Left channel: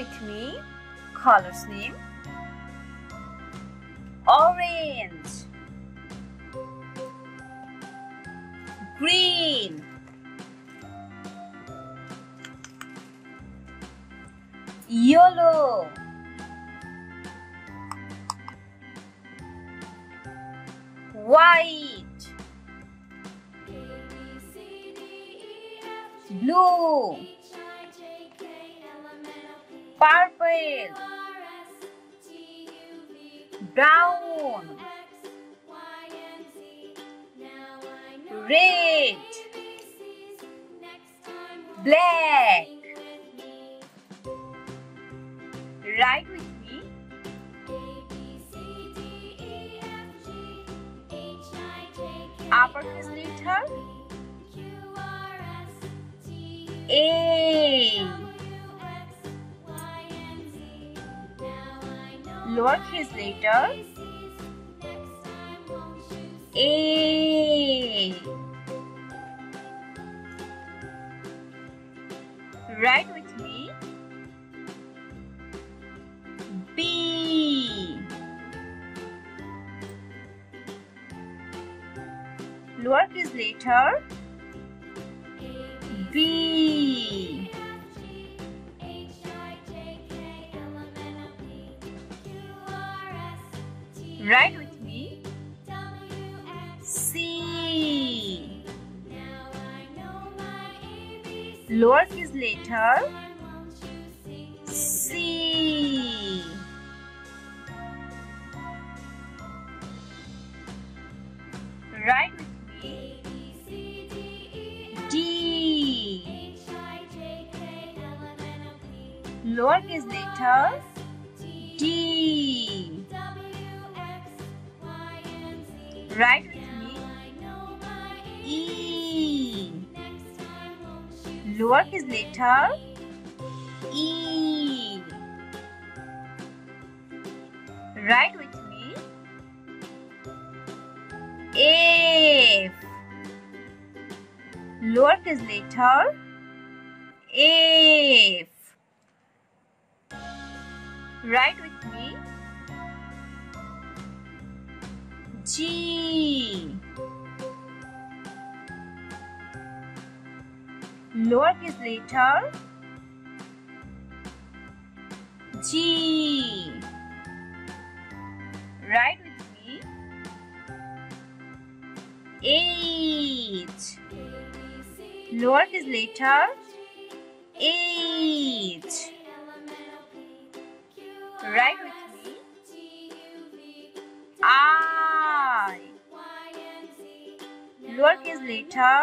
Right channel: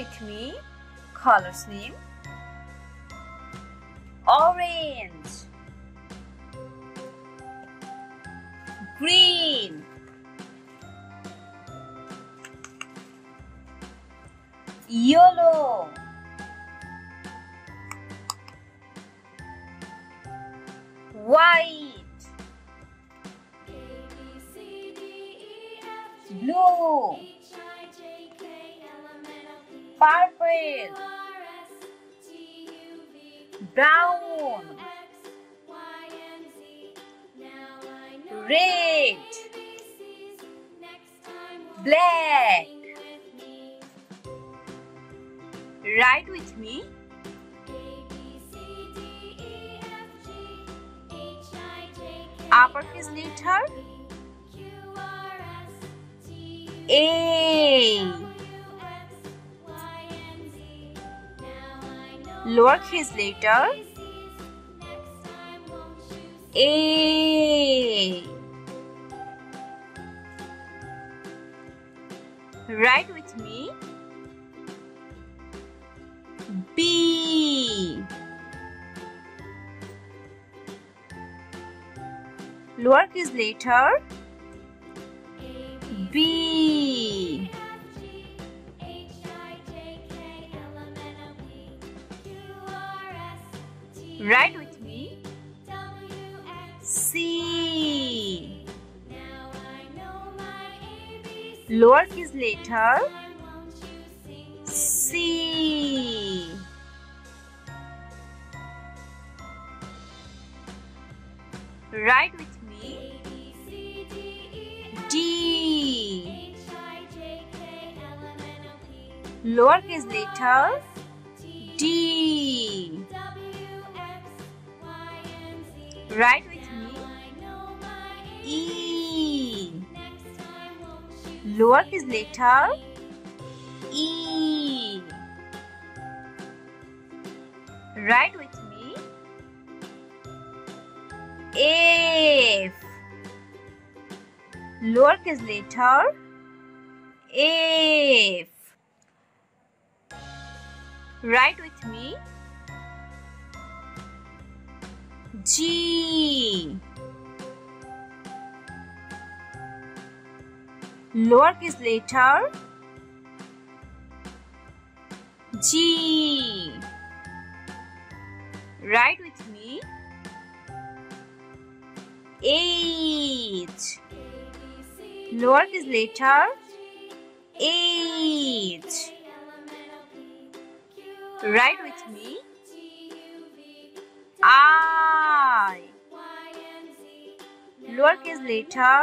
with me. Colors name: orange, green, yellow, white, blue, purple, brown, red, black. Write with me. Uppercase letter A, lowercase letter A. Write with me. B, lowercase letter B. Write with me. C, lowercase letter C. Write with me. D, lowercase letter D. Write with me. E, lowercase letter E. Write with me. F, lowercase letter F. Write with me. G, lowercase letter G. Write with me. H, lowercase letter H. Write with me. I, lowercase letter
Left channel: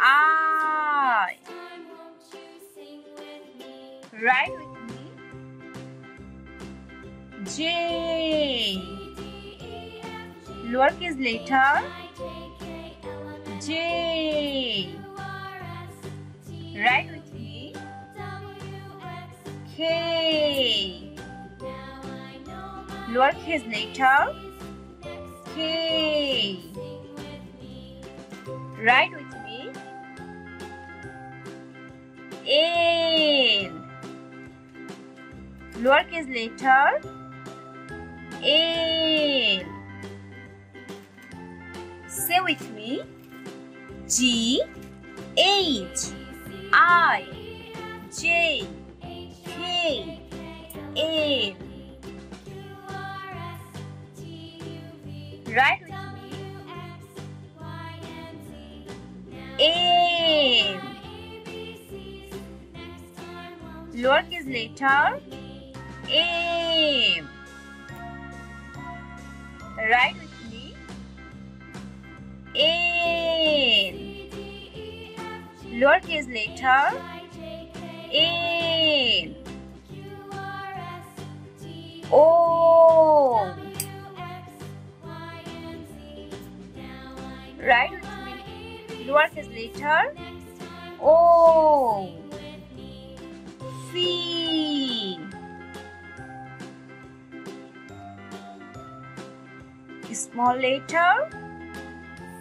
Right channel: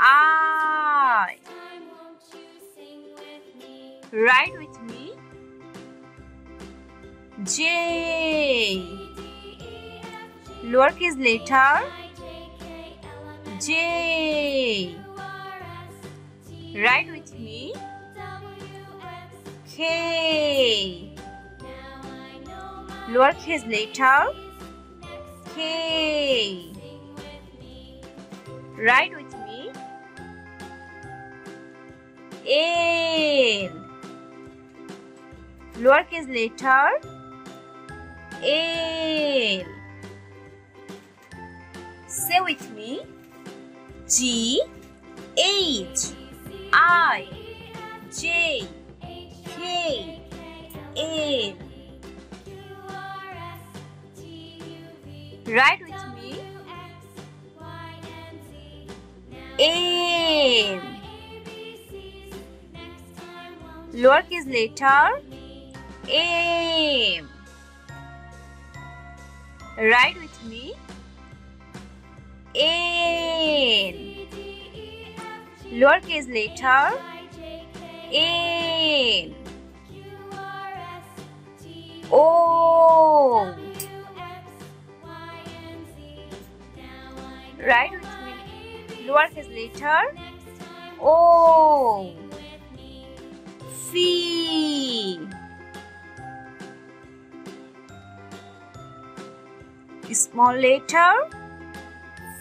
I. Write with me. J, lowercase letter J. Write with me. K, lowercase letter K. Write with me. L, lowercase letter L. Say with me. G, H, I, J, K, L. Write with me. M, lowercase letter M. Write with me. N, lowercase letter N. O. Write with me. Lowercase letter O. P. Small letter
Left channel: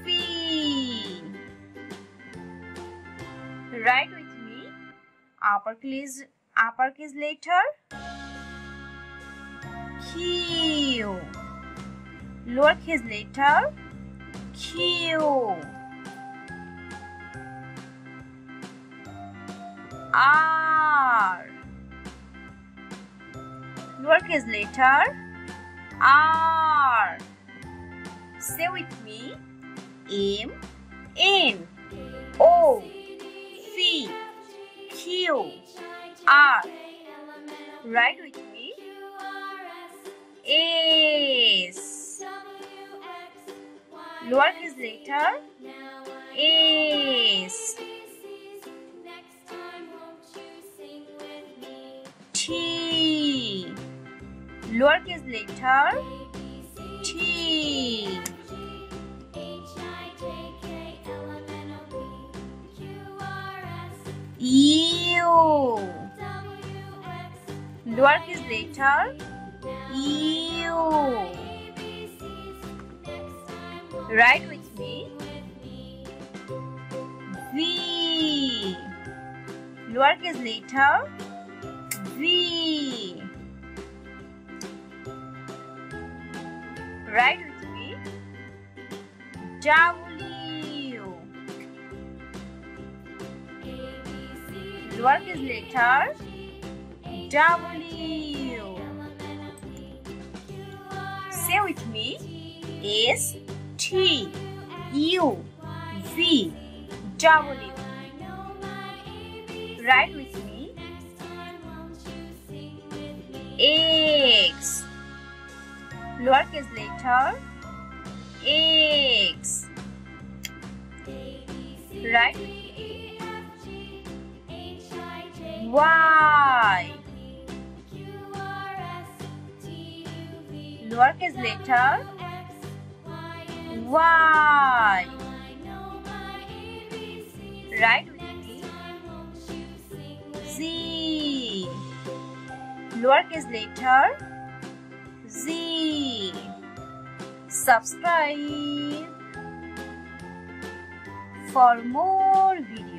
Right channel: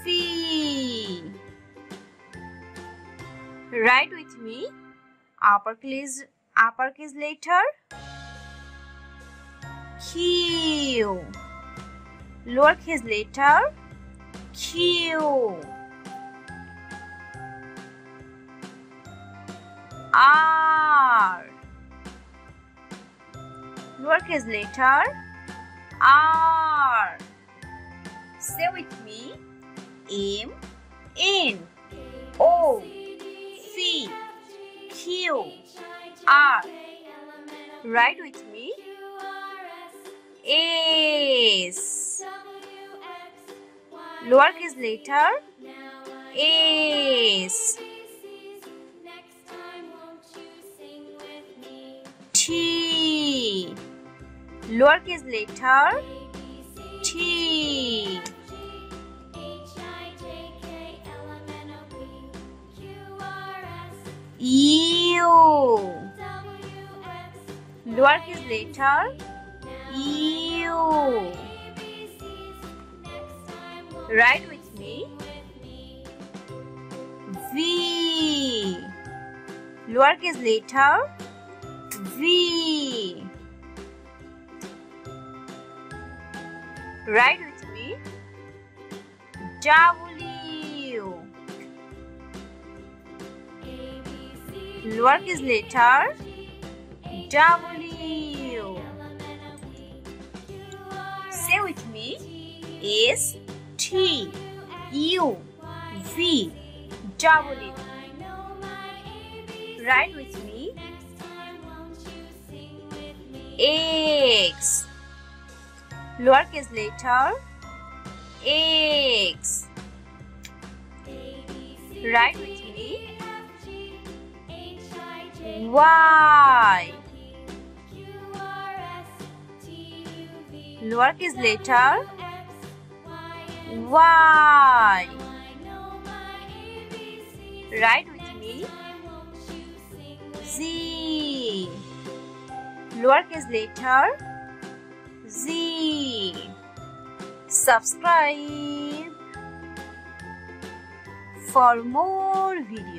P. Write with me. Uppercase letter Q. Lowercase letter Q. R. Lowercase letter R. Say with me. M, N, O, P, Q, R. Write with me. S. Lowercase letter S. T. Lowercase letter T. U. Lowercase letter U. Write with me. V. Lowercase letter V. Write with me. W. Lowercase letter W. Say with me. S, T, U, V, W. Write with me. X. Lowercase letter X. Write with me. Y. Lowercase letter Y. Write with me. Z. Lowercase letter Z. Subscribe for more videos.